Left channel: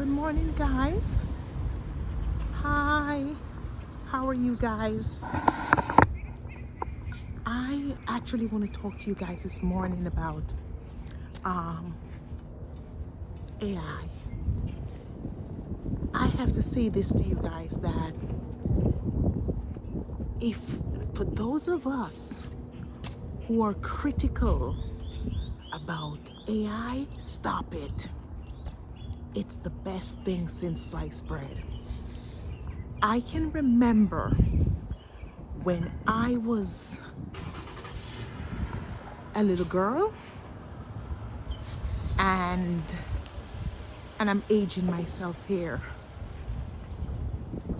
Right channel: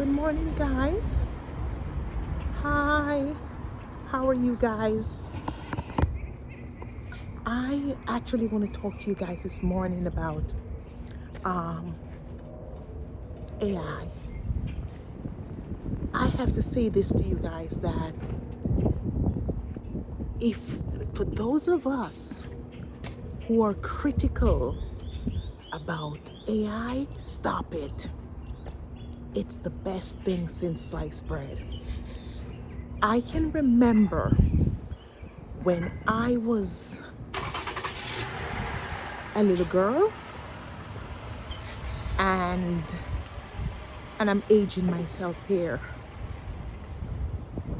Good morning, guys. Hi. How are you guys? I actually want to talk to you guys this morning about AI. I have to say this to you guys that if for those of us who are critical about AI, stop it. It's the best thing since sliced bread. I can remember when I was a little girl and I'm aging myself here.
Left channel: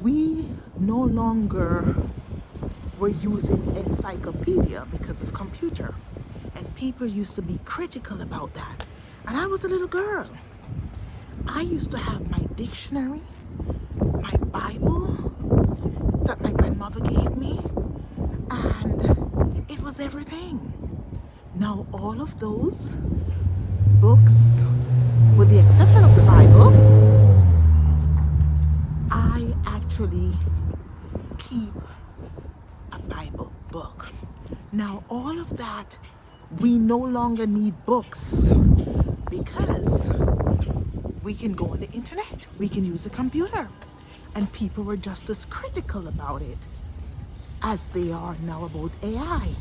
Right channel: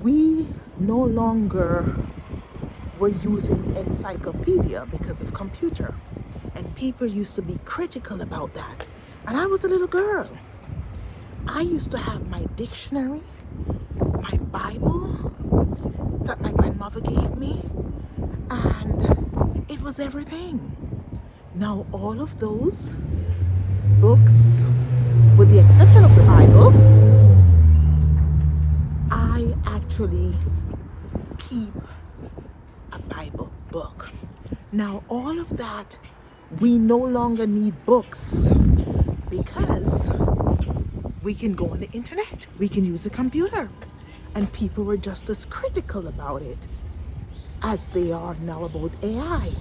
We no longer were using encyclopedia because of computer, and people used to be critical about that. And I was a little girl. I used to have my dictionary, my Bible that my grandmother gave me, and it was everything. Now all of those books, with the exception of the Bible, I actually keep a Bible book. Now all of that, we no longer need books because we can go on the internet, we can use a computer, and people were just as critical about it as they are now about AI.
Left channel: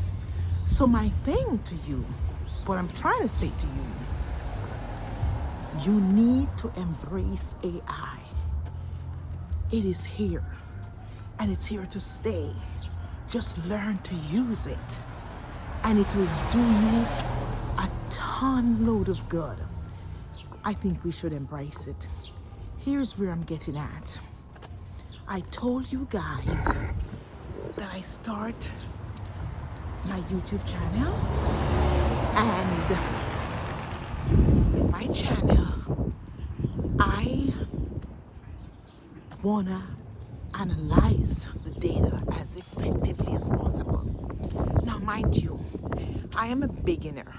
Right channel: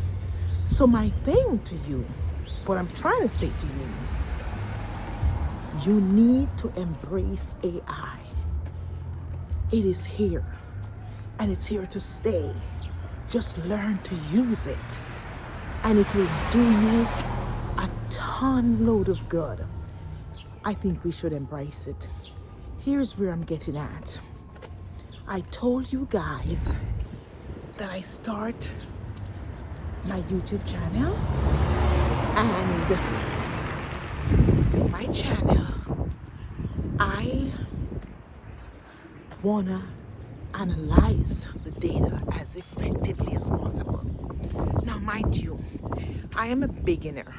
So my thing to you, what I'm trying to say to you, you need to embrace AI. It is here and it's here to stay. Just learn to use it and it will do you a ton load of good. I think we should embrace it. Here's where I'm getting at. I told you guys that I start my YouTube channel, and my channel, I wanna analyze the data as effectively as possible. Now, mind you, I am a beginner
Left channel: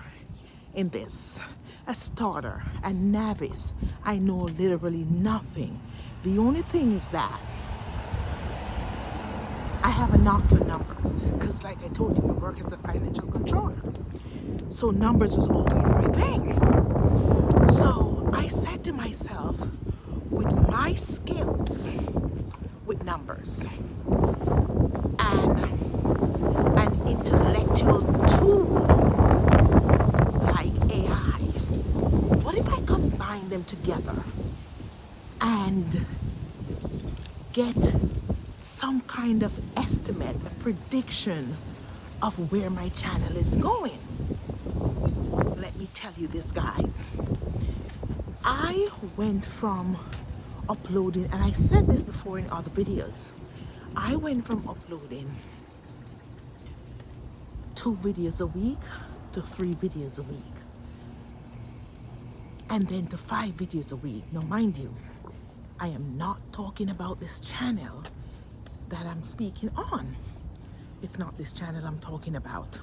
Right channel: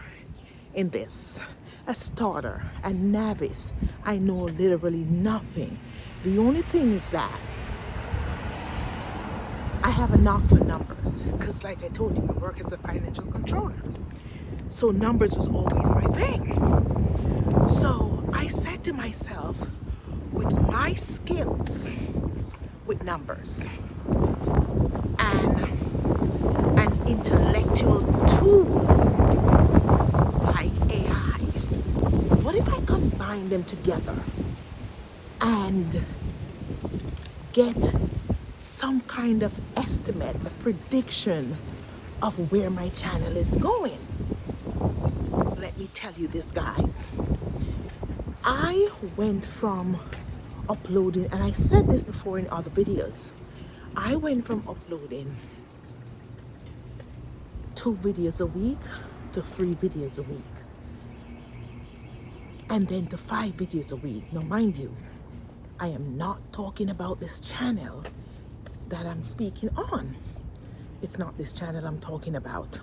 in this, a starter, a novice. I know literally nothing. The only thing is that I have a knock for numbers because, like I told you, I work as a financial controller. So numbers was always my thing. So I said to myself, with my skills with numbers and an intellectual tool like AI, what if I combine them together and get some kind of estimate, a prediction of where my channel is going? Let me tell you this, guys. I went from uploading, and I said this before in other videos, I went from uploading 2 videos a week to 3 videos a week, and then to 5 videos a week. Now mind you, I am not talking about this channel that I'm speaking on. It's not this channel I'm talking about.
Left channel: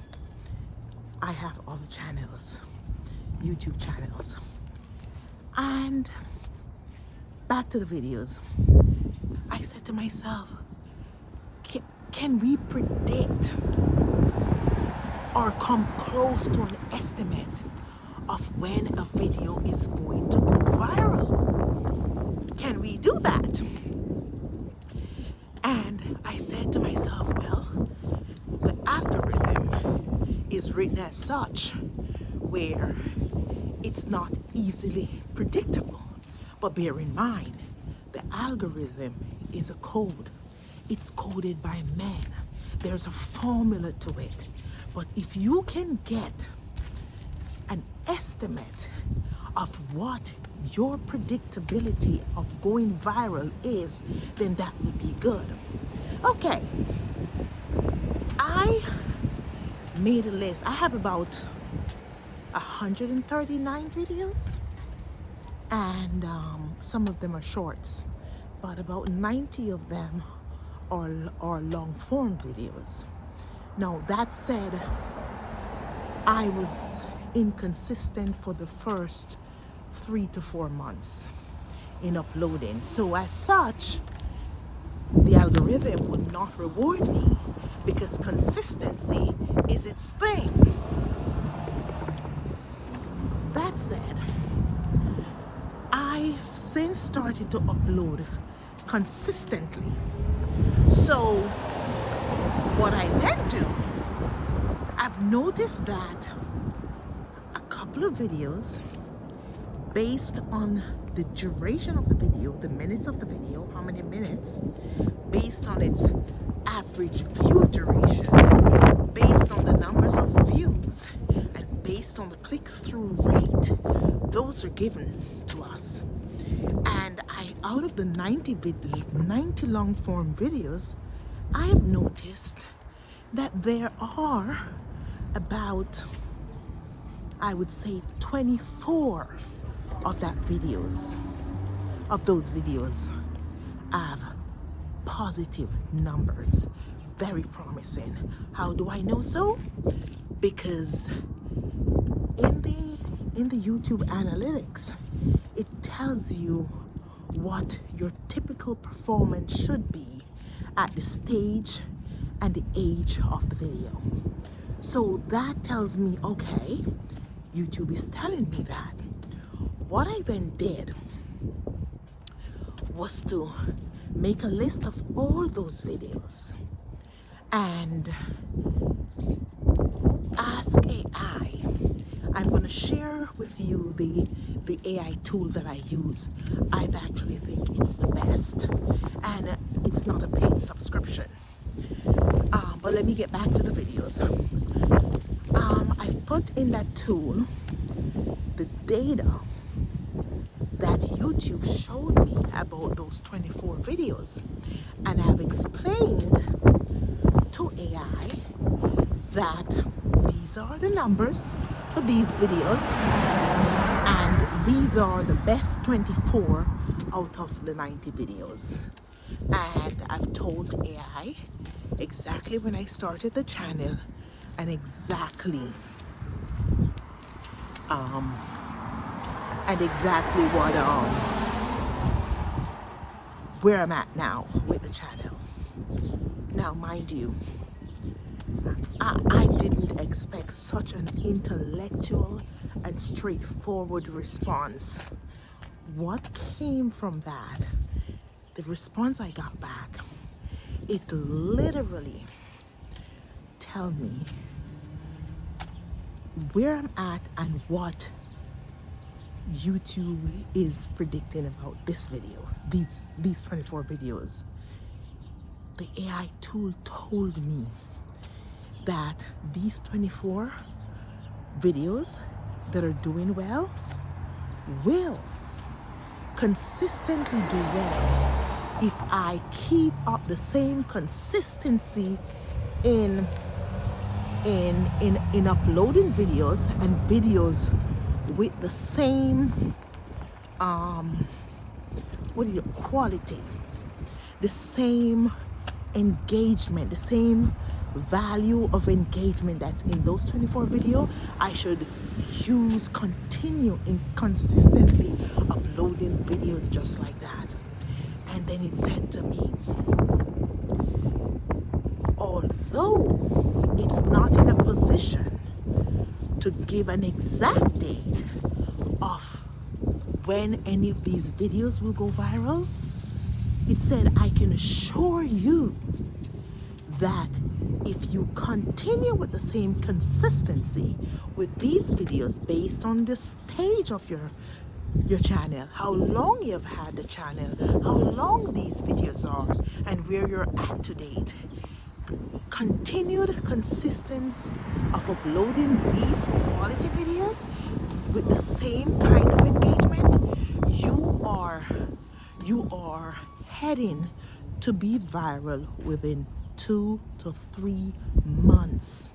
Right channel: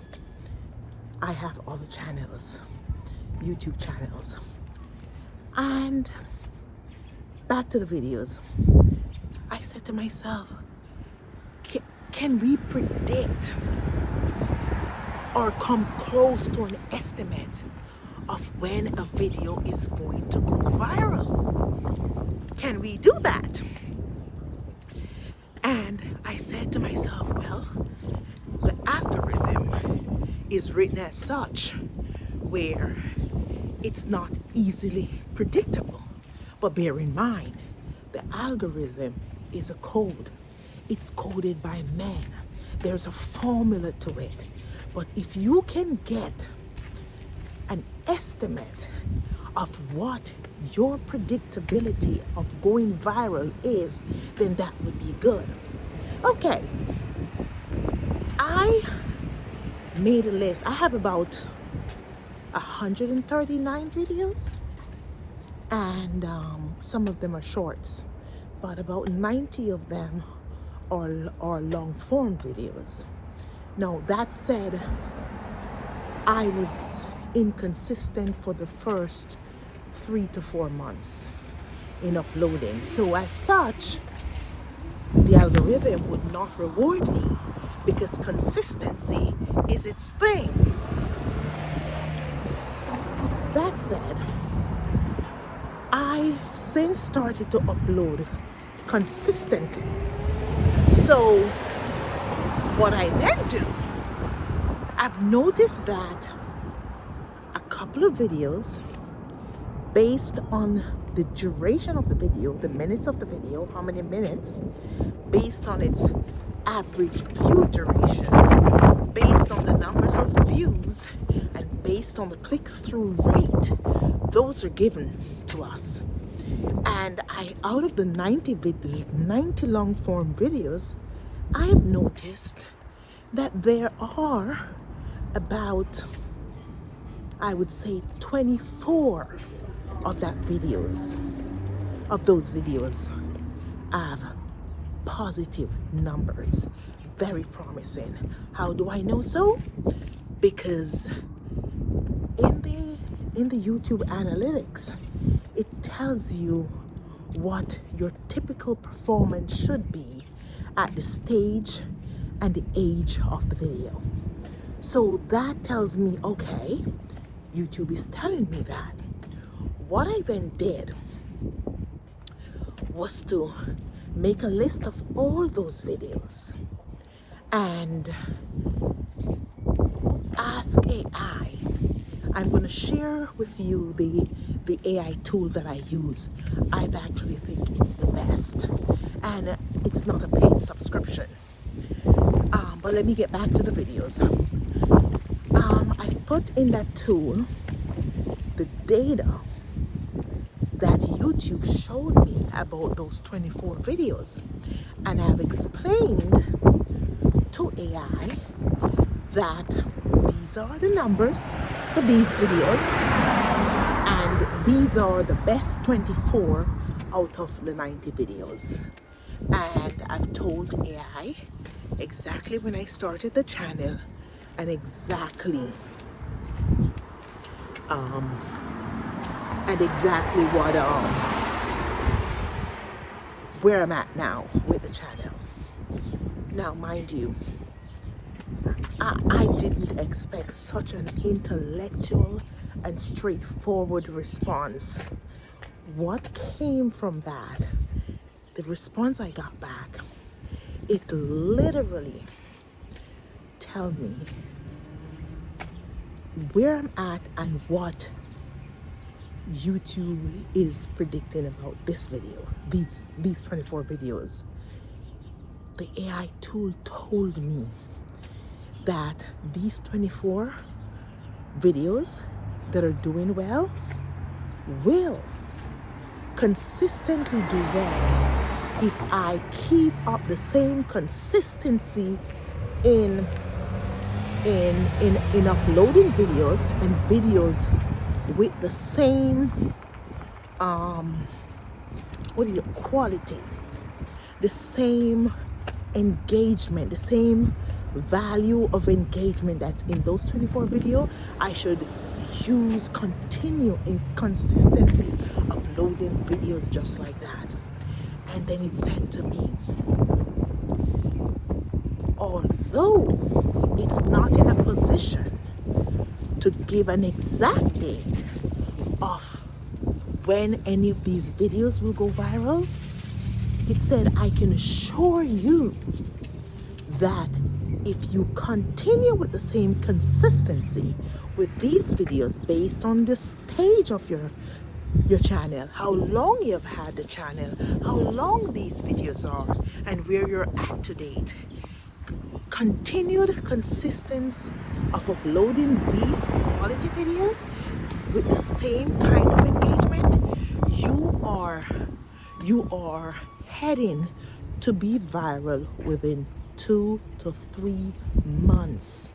I have other channels, YouTube channels. And back to the videos. I said to myself, can we predict or come close to an estimate of when a video is going to go viral? Can we do that? And I said to myself, well, the algorithm is written as such where it's not easily predictable. But bear in mind, the algorithm is a code. It's coded by man. There's a formula to it. But if you can get an estimate of what your predictability of going viral is, then that would be good. Okay, I made a list. I have about 139 videos, and some of them are shorts, but about 90 of them are long form videos. Now that said, I was inconsistent for the first 3 to 4 months, in uploading. So as such, the algorithm would not reward me because consistency is its thing. That said, I've since started to upload consistently. So what I then do, I've noticed that a couple of videos, based on the duration of the video, the minutes of the video, how many minutes, based on its average view duration, based on the numbers of views, and based on the click-through rate, those are given to us. And out of the 90 long form videos, I have noticed that there are about, I would say, 24 of those videos have positive numbers. Very promising. How do I know so? Because in the YouTube analytics, it tells you what your typical performance should be at the stage and the age of the video. So that tells me, okay, YouTube is telling me that. What I then did was to make a list of all those videos and ask AI. I'm going to share with you the AI tool that I use. I actually think it's the best, and it's not a paid subscription. But let me get back to the videos. I put in that tool the data that YouTube showed me about those 24 videos, and I've explained to AI that these are the numbers for these videos, and these are the best 24 out of the 90 videos. And I've told AI exactly when I started the channel and exactly what where I'm at now with the channel. Now, mind you, I didn't expect such an intellectual and straightforward response. What came from that, the response I got back, it literally tell me where I'm at and what YouTube is predicting about this video, these 24 videos. The AI tool told me that these 24 videos that are doing well will consistently do well if I keep up the same consistency in uploading videos and videos with the same quality, the same engagement, the same value of engagement that's in those 24 videos. I should continue in consistently uploading videos just like that. And then it said to me, although it's not in a position to give an exact date of when any of these videos will go viral, it said, I can assure you that if you continue with the same consistency with these videos based on the stage of your channel, how long you've had the channel, how long these videos are, and where you're at to date, continued consistency of uploading these quality videos with the same kind of engagement, you are heading to be viral within 2 to 3 months.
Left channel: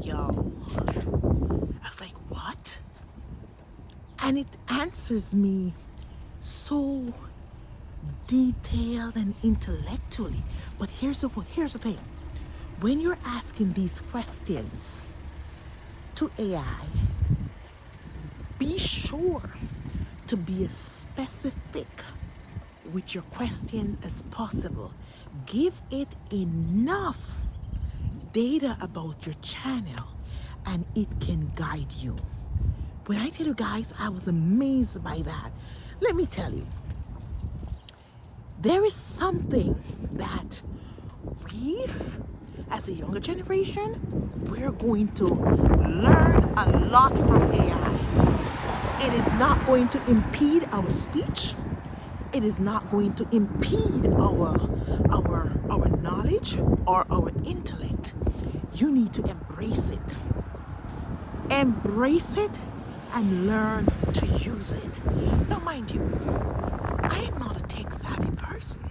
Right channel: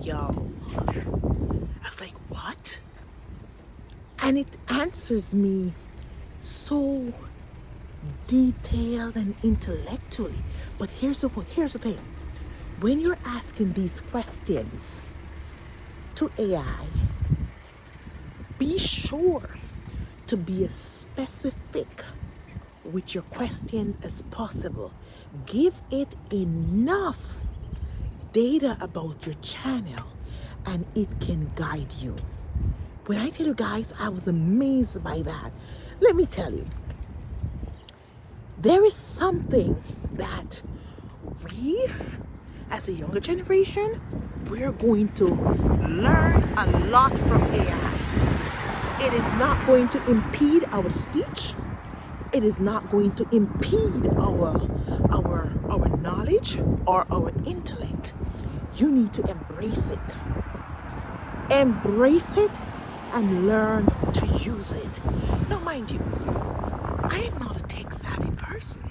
Yo, I was like, what? And it answers me so detailed and intellectually. But here's the thing. When you're asking these questions to AI, be sure to be as specific with your questions as possible. Give it enough data about your channel and it can guide you. When I tell you guys, I was amazed by that. Let me tell you, there is something that we, as a younger generation, we're going to learn a lot from AI. It is not going to impede our speech. It is not going to impede our knowledge or our intellect. You need to embrace it. Embrace it and learn to use it. Now, mind you, I am not a tech savvy person,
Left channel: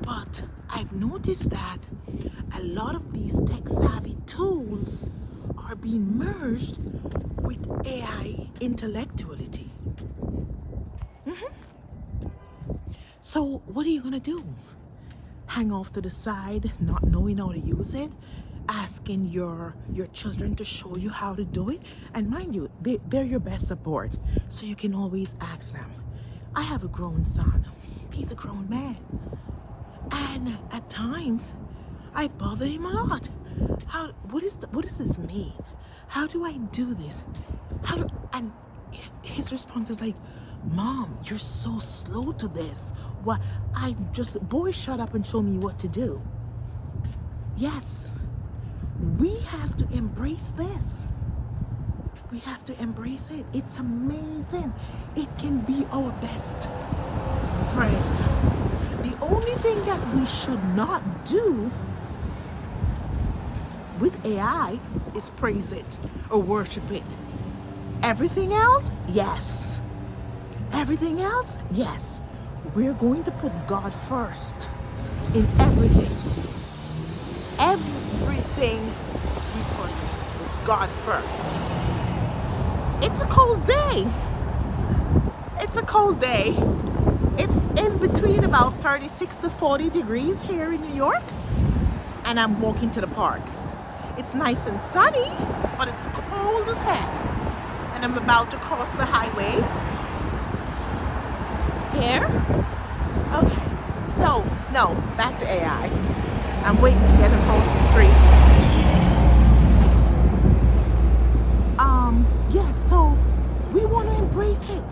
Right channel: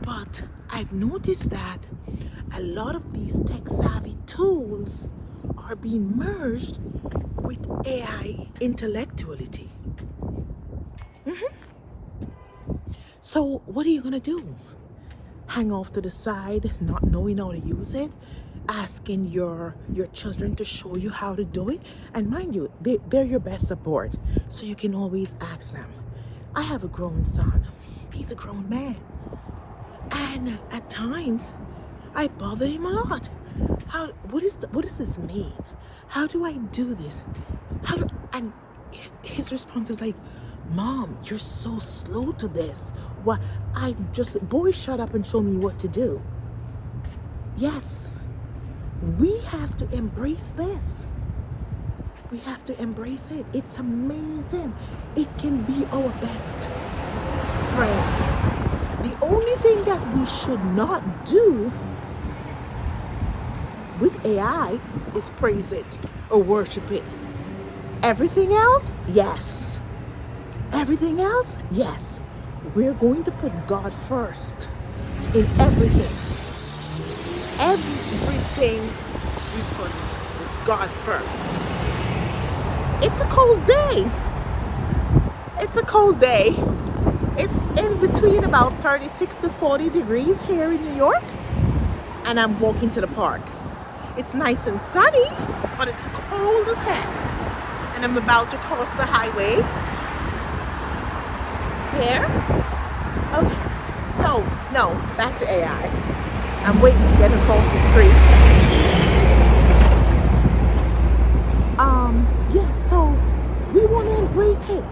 but I've noticed that a lot of these tech savvy tools are being merged with AI intellectuality. So what are you gonna do? Hang off to the side, not knowing how to use it, asking your children to show you how to do it? And mind you, they're your best support, so you can always ask them. I have a grown son. He's a grown man. And at times, I bother him a lot. What does this mean? How do I do this? And his response is like, Mom, you're so slow to this. What? Boy, shut up and show me what to do. Yes, we have to embrace this. We have to embrace it. It's amazing. It can be our best friend. The only thing that we should not do with AI is praise it or worship it. Everything else, yes. Everything else, yes. We're going to put God first in everything. Everything we put, it's God first. It's a cold day. It's a cold day. It's in between about 36 to 40 degrees here in New York. And I'm walking to the park. It's nice and sunny, but it's cold as heck. And I'm about to cross the highway. Here. Okay, so no, back to AI. I'm waiting to get across the street. Yeah, so we want to embrace it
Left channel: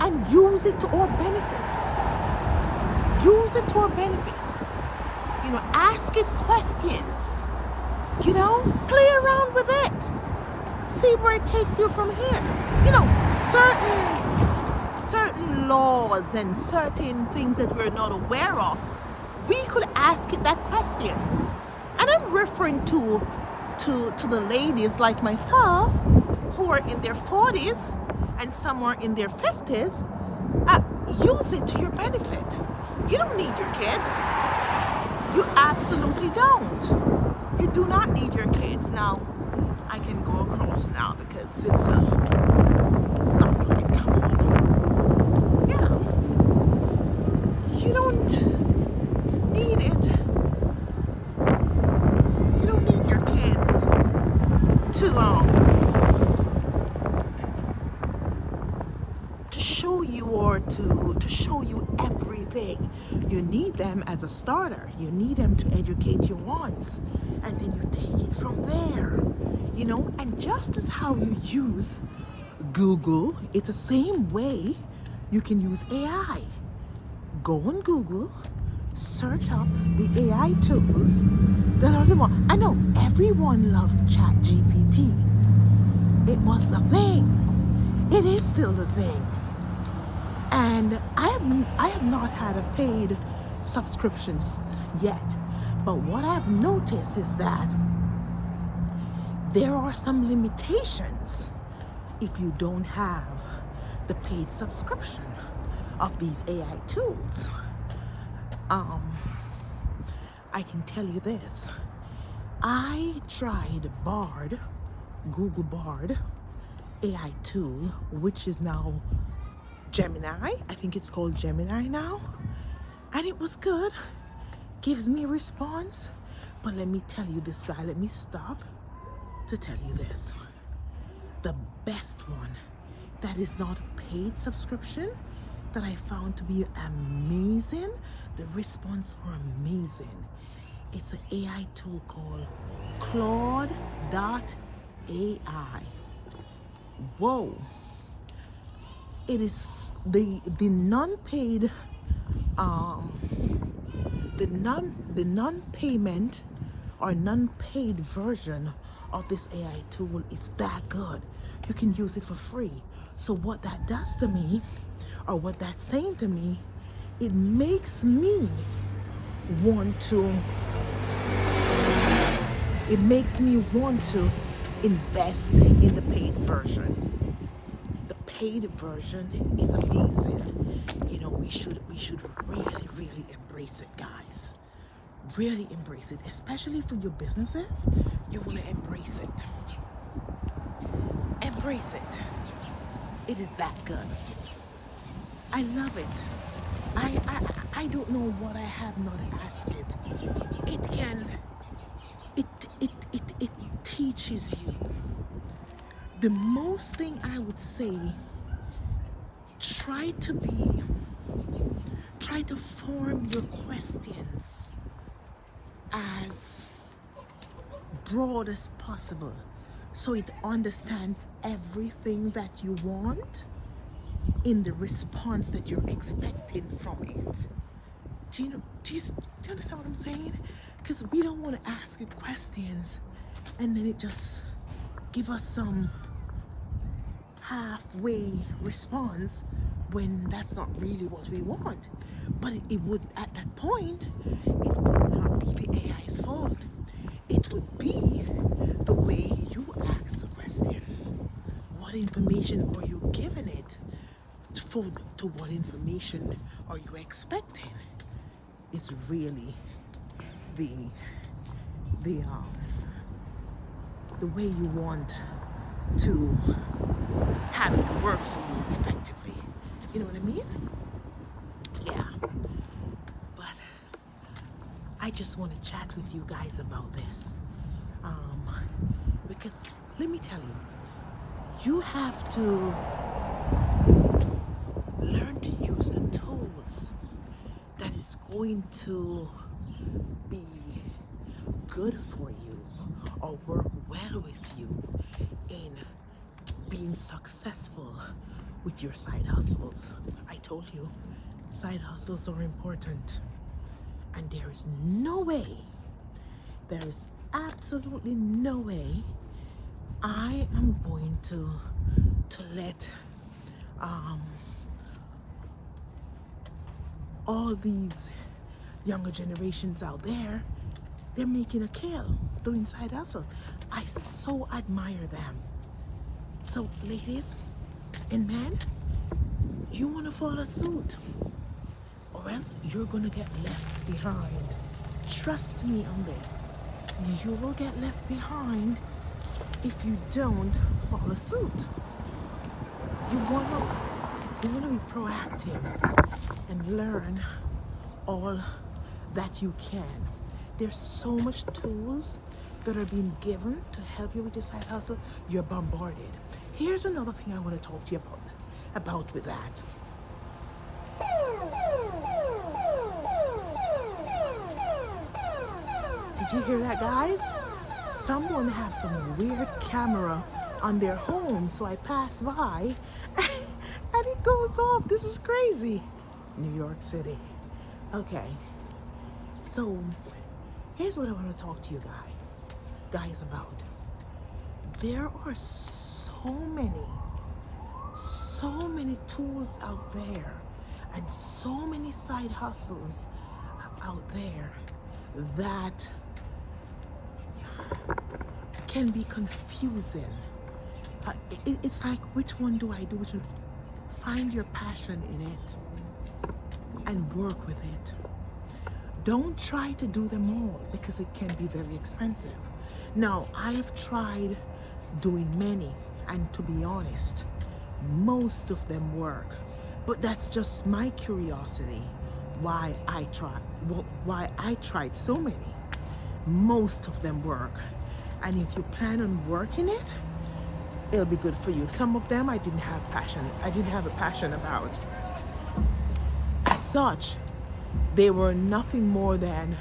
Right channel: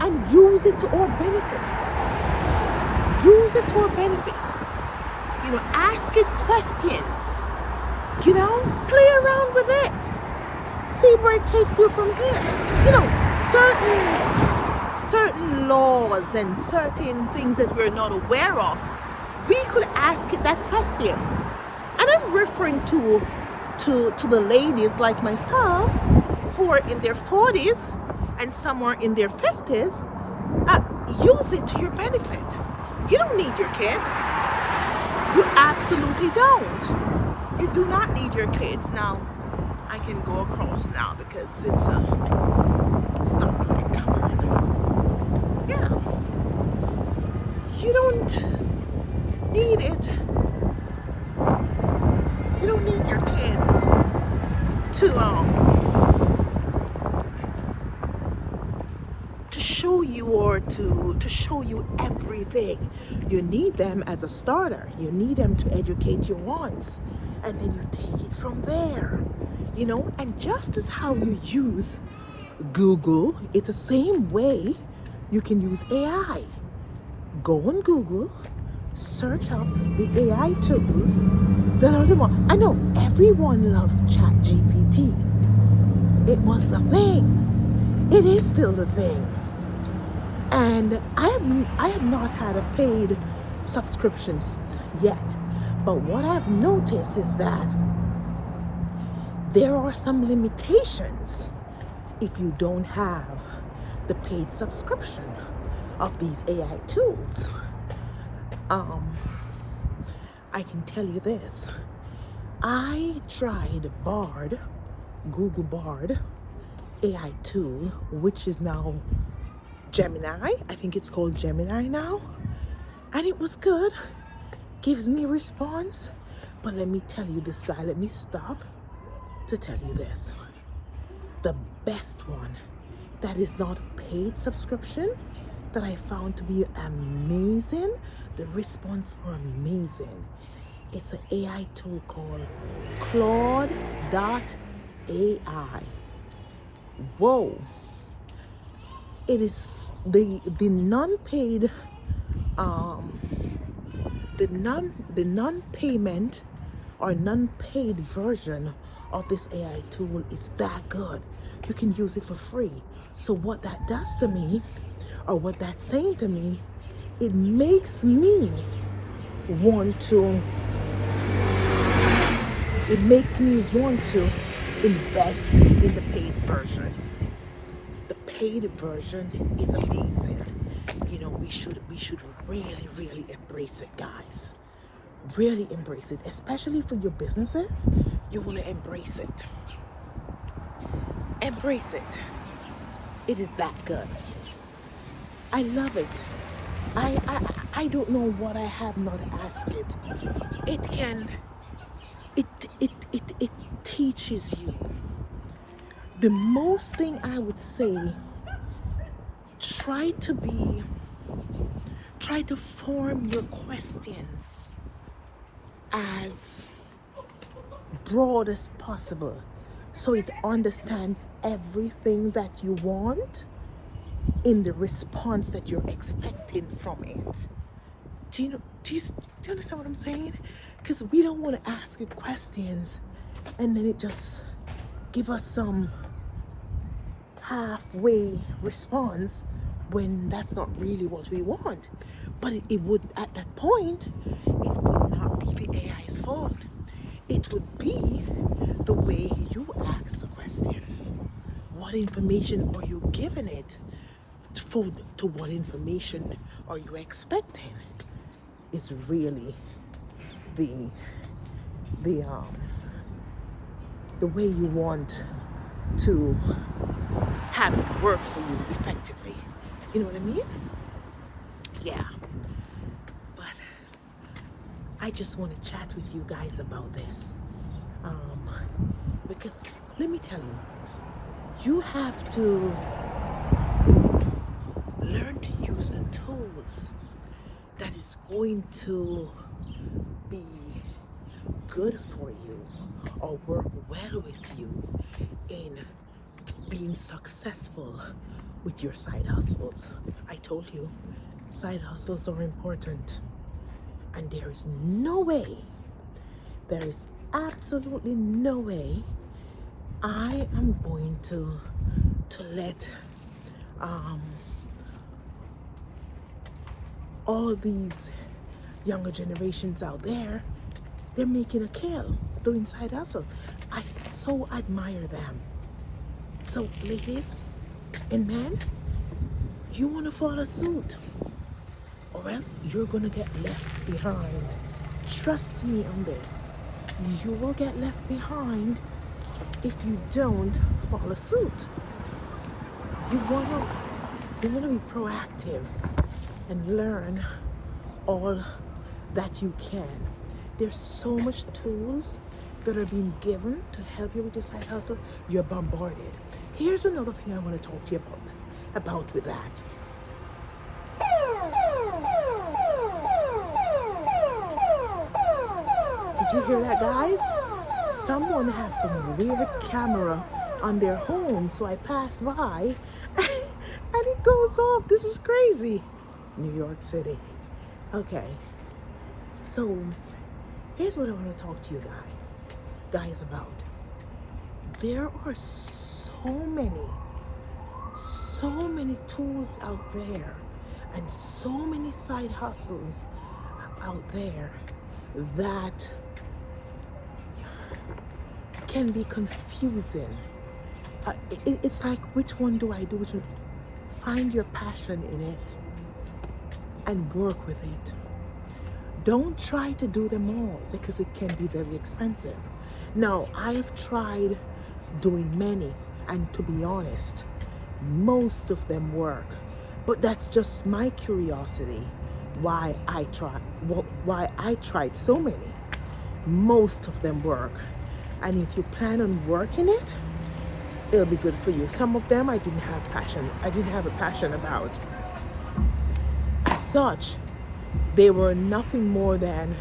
and use it to our benefits. Use it to our benefits. You know, ask it questions. You know, play around with it. See where it takes you from here. You know, certain laws and certain things that we're not aware of, we could ask it that question. And I'm referring to the ladies like myself who are in their 40s and some are in their 50s. Use it to your benefit. You don't need your kids. You absolutely don't. You do not need your kids. Now, I can go across now because it's stoplight turn. Yeah. You don't need it. You don't need your kids to show you or to show you everything. You need them as a starter. You need them to educate you once, and then you take it from there. You know, and just as how you use Google, it's the same way you can use AI. Go on Google, search up the AI tools that are the one. I know everyone loves ChatGPT. It was the thing. It is still the thing. And I have not had a paid subscription yet. But what I've noticed is that there are some limitations if you don't have the paid subscription of these AI tools. I can tell you this. I tried Bard, Google Bard AI tool, which is now Gemini. I think it's called Gemini now. And it was good. Gives me a response. But let me tell you this, guy. Let me stop to tell you this. The best one that is not paid subscription that I found to be amazing. The response are amazing. It's an AI tool called Claude.ai. Whoa. It is the non-paid the non-payment or non-paid version of this AI tool is that good. You can use it for free. So what that does to me, or what that's saying to me, it makes me want to invest in the paid version. The paid version is amazing. You know, we should really embrace it, guys. Really embrace it, especially for your businesses. You want to embrace it. Embrace it. It is that good. I love it. I don't know what I have not asked it. It can it teaches you. The most thing I would say, try to form your questions as broad as possible so it understands everything that you want in the response that you're expecting from it. Do you understand what I'm saying? Because we don't want to ask it questions and then it just give us some halfway response when that's not really what we want. But it would, at that point, it would not be the AI's fault. It would be the way you ask the question. What information are you giving it? To what information are you expecting? It's really the way you want to have it work for you effectively. You know what I mean? Yeah. But I just want to chat with you guys about this. Because let me tell you, you have to learn to use the tools that is going to be good for you or work well with you in being successful with your side hustles. I told you, side hustles are important. And there is absolutely no way I am going to let all these younger generations out there, they're making a kill doing side hustle. I so admire them. So ladies and men, you want to follow suit or else you're gonna get left behind. Trust me on this. You will get left behind if you don't follow suit. You wanna be proactive and learn all that you can. There's so much tools that are being given to help you with your side hustle. You're bombarded. Here's another thing I want to talk to you about with that. Did you hear that, guys? Someone has some weird camera on their home, so I pass by and it goes off. This is crazy. New York City. Okay. So here's what I want to talk to you guys about. There are so many tools out there and so many side hustles out there that can be confusing. It's like, which one do I do? Which one? Find your passion in it and work with it. Don't try to do them all because it can be very expensive. Now, I have tried doing many, and to be honest, most of them work. But that's just my curiosity why I tried so many. Most of them work. And if you plan on working it, it'll be good for you. Some of them I didn't have a passion about. As such, they were nothing more than,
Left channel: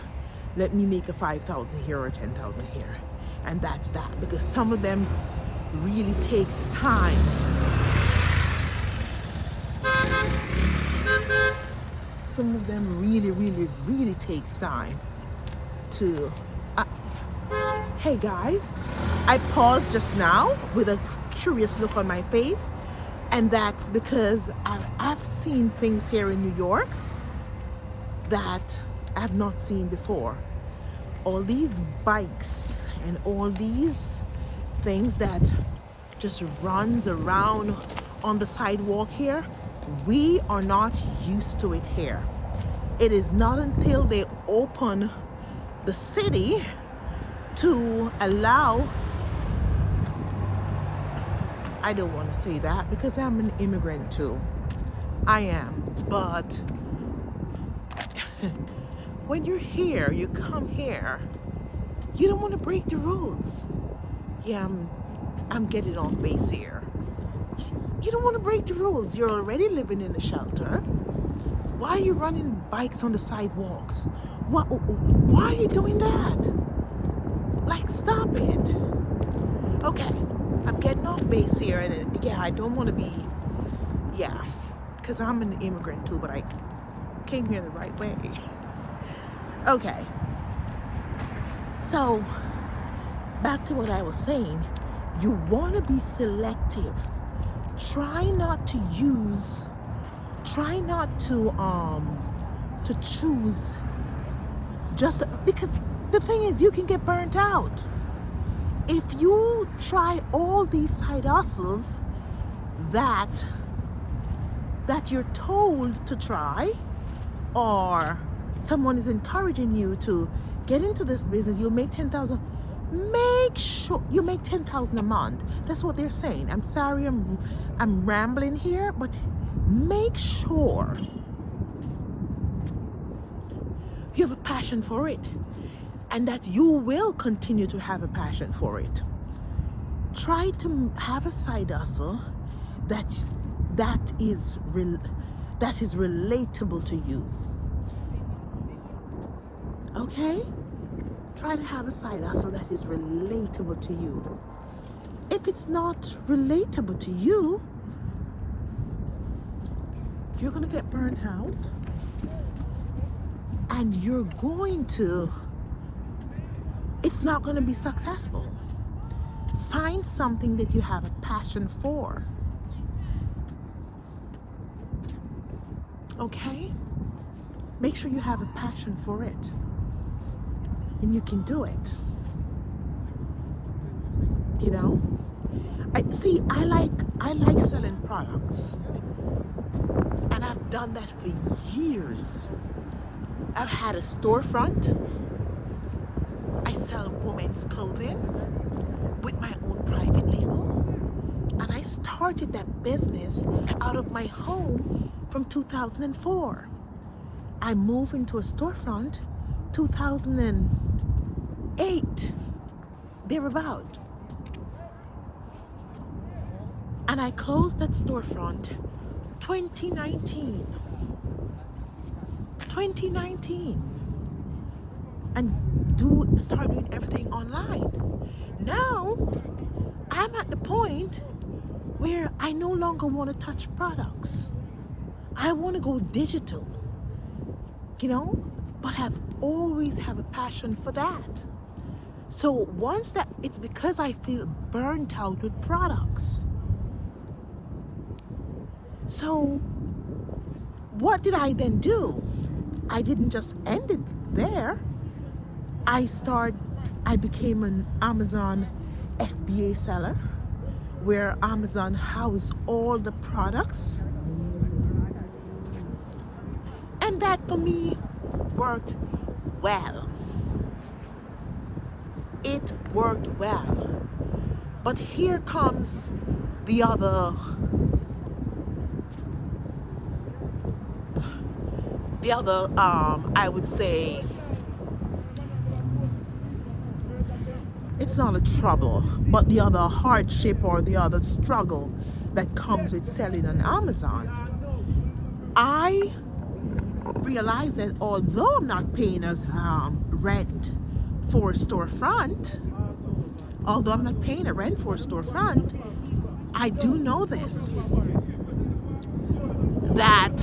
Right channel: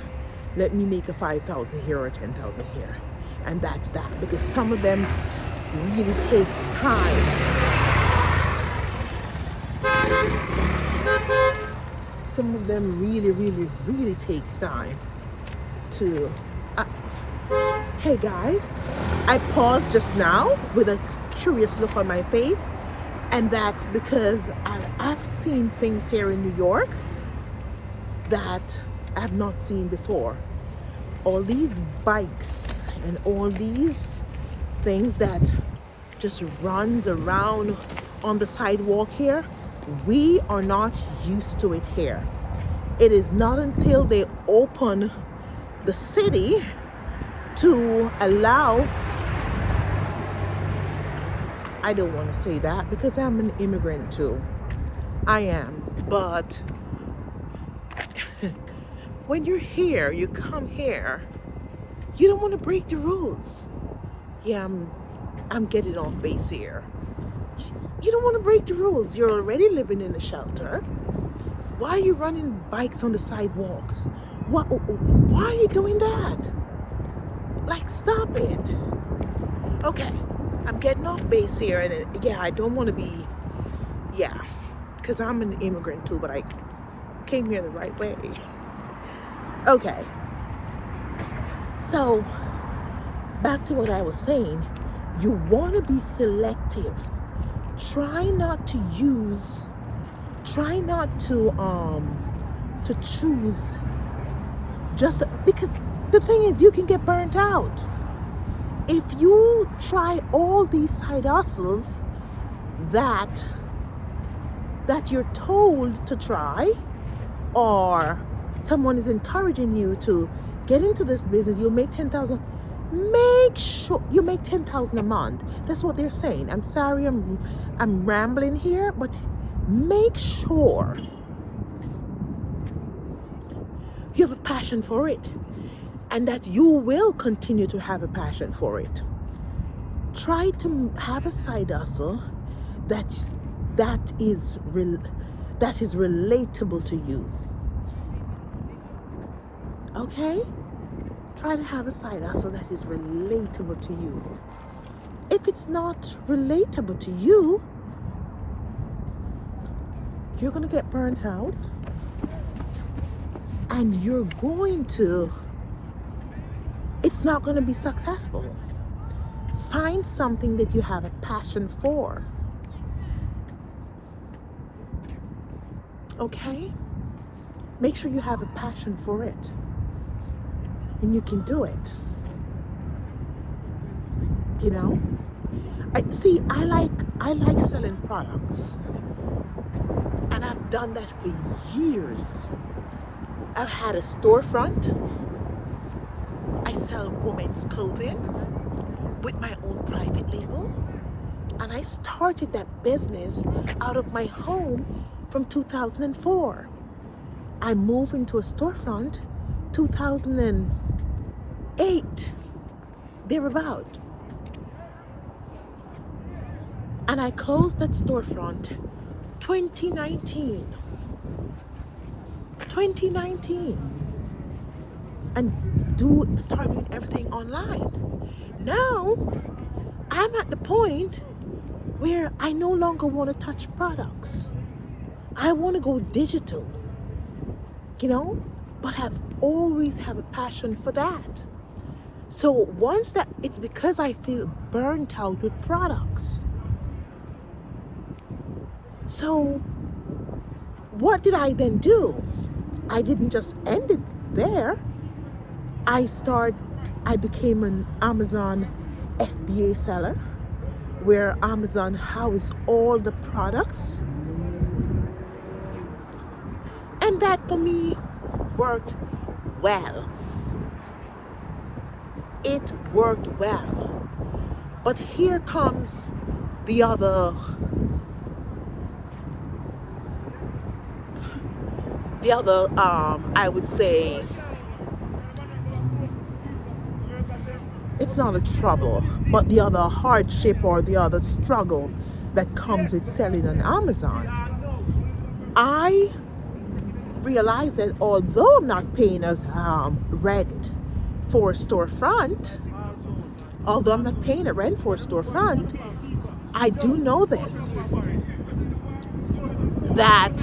let me make a 5,000 here or 10,000 here. And that's that, because some of them really takes time. Some of them really takes time to, hey guys, I paused just now with a curious look on my face, and that's because I've seen things here in New York that I've not seen before. All these bikes and all these things that just runs around on the sidewalk here, we are not used to it here. It is not until they open the city to allow, I don't want to say that because I'm an immigrant too. I am, but when you're here, you come here, you don't want to break the rules. Yeah, I'm getting off base here. You don't want to break the rules. You're already living in a shelter. Why are you running bikes on the sidewalks? Why are you doing that? Like, stop it. Okay, I'm getting off base here, and yeah, I don't want to be, yeah, because I'm an immigrant too, but I came here the right way. Okay, so back to what I was saying. You want to be selective. Try not to choose just because the thing is, you can get burnt out. If you try all these side hustles that you're told to try, or someone is encouraging you to get into this business, you'll make 10,000. Make sure you make 10,000 a month. That's what they're saying. I'm sorry, I'm rambling here, but make sure you have a passion for it, and that you will continue to have a passion for it. Try to have a side hustle that is relatable to you. Okay? Try to have a side hustle that is relatable to you. If it's not relatable to you, you're going to get burned out, and it's not going to be successful. Find something that you have a passion for. Okay? Make sure you have a passion for it, and you can do it. You know? I like selling products, and I've done that for years. I've had a storefront. I sell women's clothing with my own private label, and I started that business out of my home from 2004. I moved into a storefront 2008, thereabout. And I closed that storefront 2019, and start doing everything online. Now I'm at the point where I no longer want to touch products. I want to go digital, but I've always have a passion for that. So once that, it's because I feel burnt out with products. So what did I then do? I didn't just end it there. I became an Amazon FBA seller, where Amazon housed all the products. And that for me worked well. It worked well. But here comes the other I would say, it's not a trouble, but the other hardship or the other struggle that comes with selling on Amazon. I realize that although I'm not paying as rent for a storefront, I do know this, that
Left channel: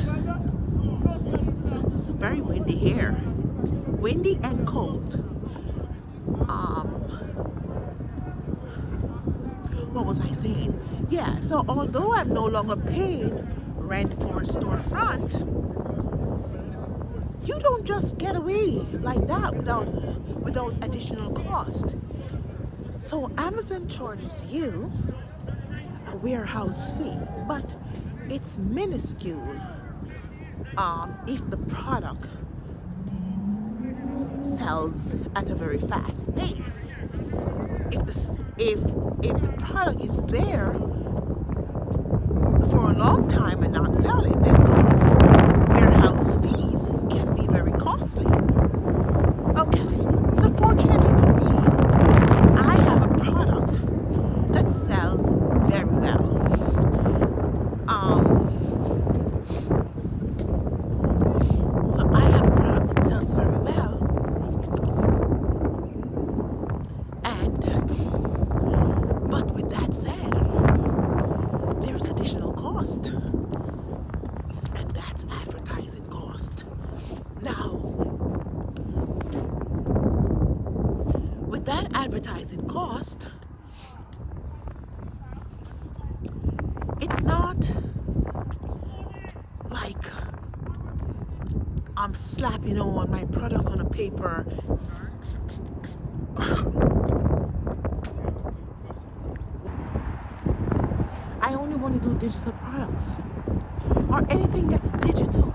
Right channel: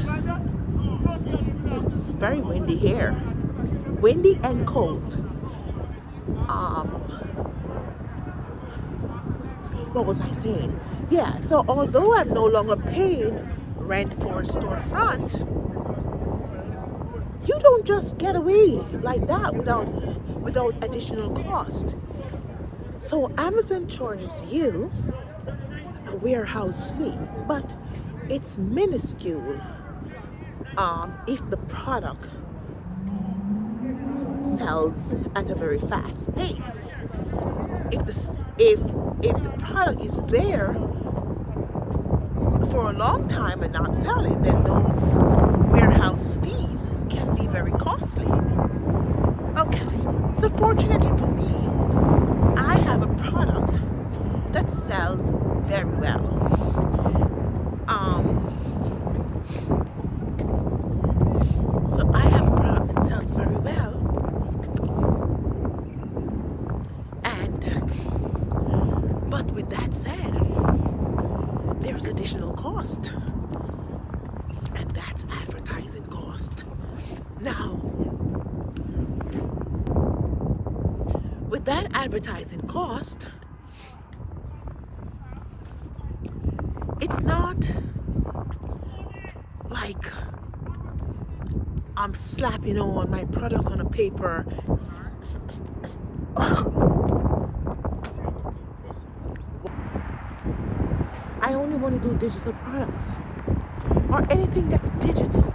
it's very windy here, windy and cold. What was I saying? Yeah, so although I'm no longer paying rent for a storefront, you don't just get away like that without additional cost. So Amazon charges you a warehouse fee, but it's minuscule if the product sells at a very fast pace. If the product is there for a long time and not selling, then those warehouse fees can be very costly. Okay, so fortunately for me, I have a product that sells very well. So I have a product that sells very well, but with that said, there's additional cost, and that's advertising cost. Now, with that advertising cost, it's not like I'm slapping on my product on a paper. I only want to do digital products or anything that's digital.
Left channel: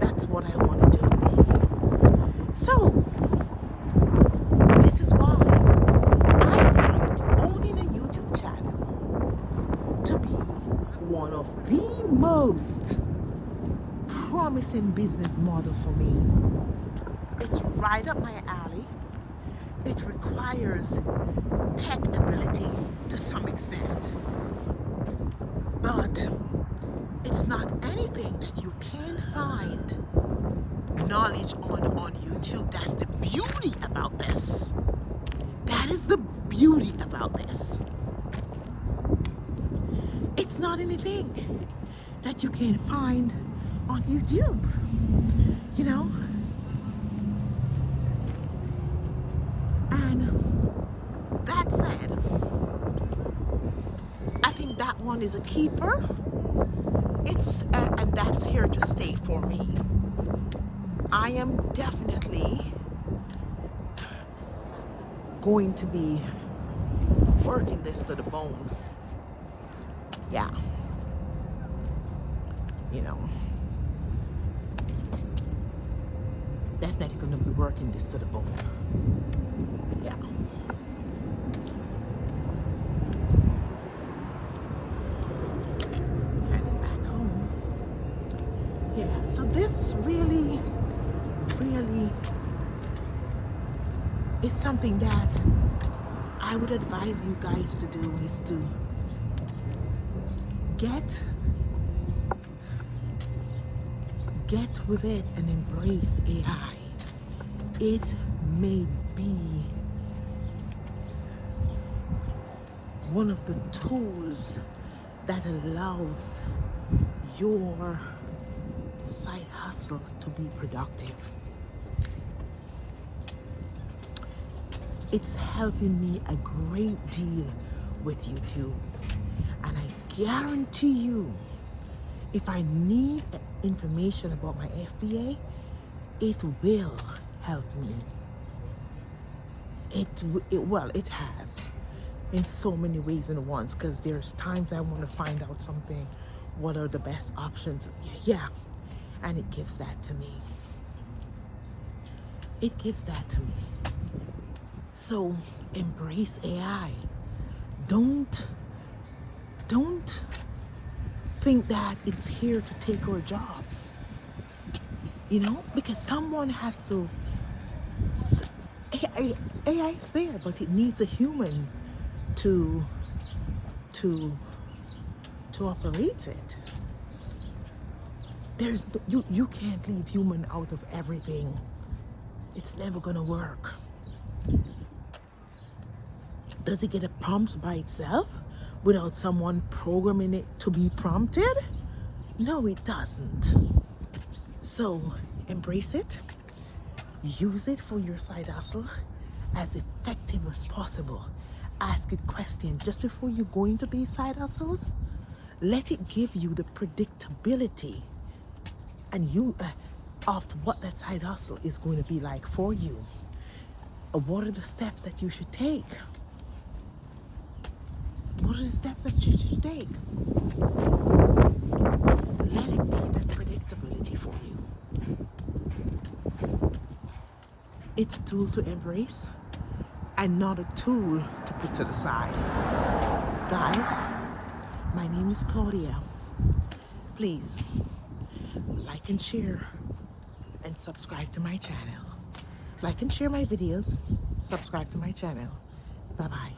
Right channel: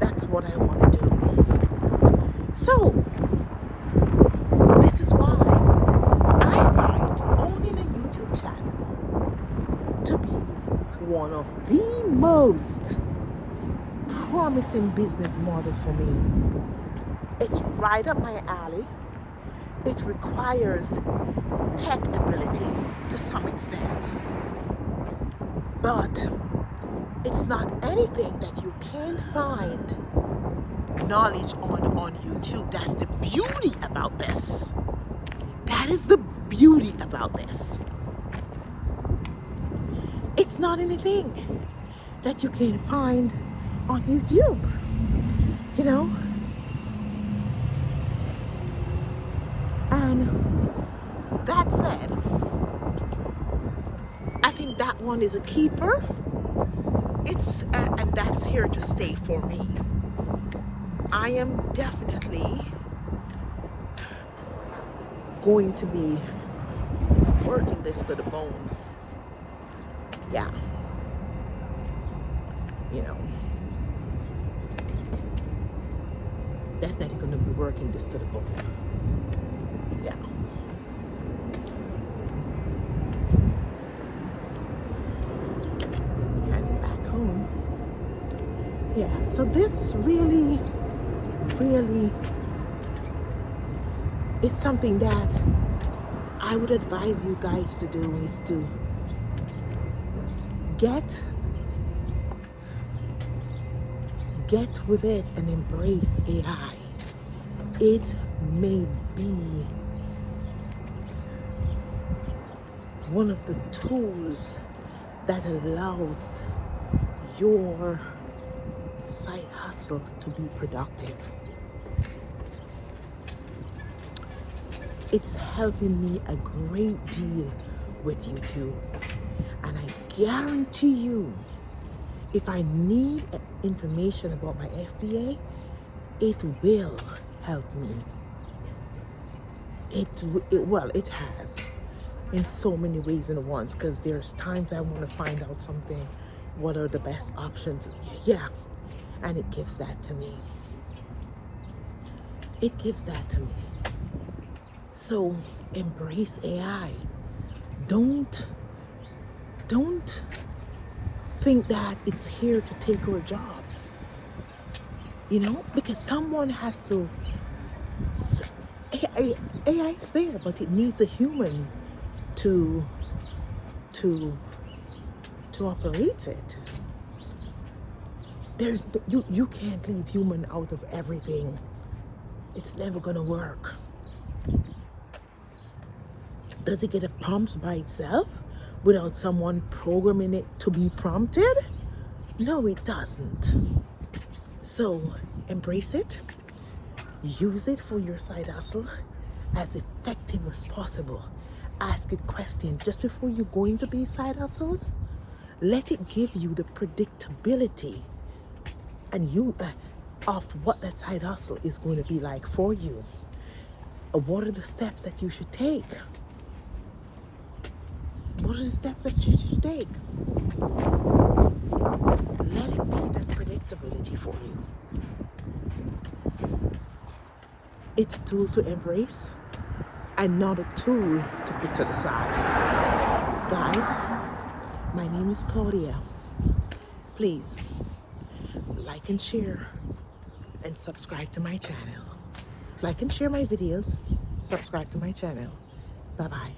That's what I want to do. So, this is why I found owning a YouTube channel to be one of the most promising business model for me. It's right up my alley. It requires tech ability to some extent, but it's not anything that you can't find knowledge on YouTube. That's the beauty about this. That is the beauty about this. It's not anything that you can find on YouTube, you know? And that said, I think that one is a keeper. It's and that's here to stay for me. I am definitely going to be working this to the bone. Yeah. You know, definitely going to be working this to the bone. Yeah. Heading back home. Yeah, so this really is something that I would advise you guys to do, is to get with it and embrace AI. It may be one of the tools that allows your side hustle to be productive. It's helping me a great deal with YouTube, and I guarantee you, if I need information about my FBA, it will help me. It has in so many ways and once, because there's times I want to find out something, what are the best options? Yeah, and it gives that to me. It gives that to me. So embrace AI. Don't think that it's here to take our jobs. You know, because someone has to AI is there, but it needs a human to to operate it. You can't leave human out of everything. It's never gonna work. Does it get a prompt by itself without someone programming it to be prompted? No, it doesn't. So embrace it. Use it for your side hustle as effective as possible. Ask it questions just before you go into these side hustles. Let it give you the predictability and of what that side hustle is going to be like for you. What are the steps that you should take? What are the steps that you should take? Let it be that predictability for you. It's a tool to embrace and not a tool to put to the side. Guys, my name is Claudia. Please like and share and subscribe to my channel. Like and share my videos, subscribe to my channel. Bye-bye.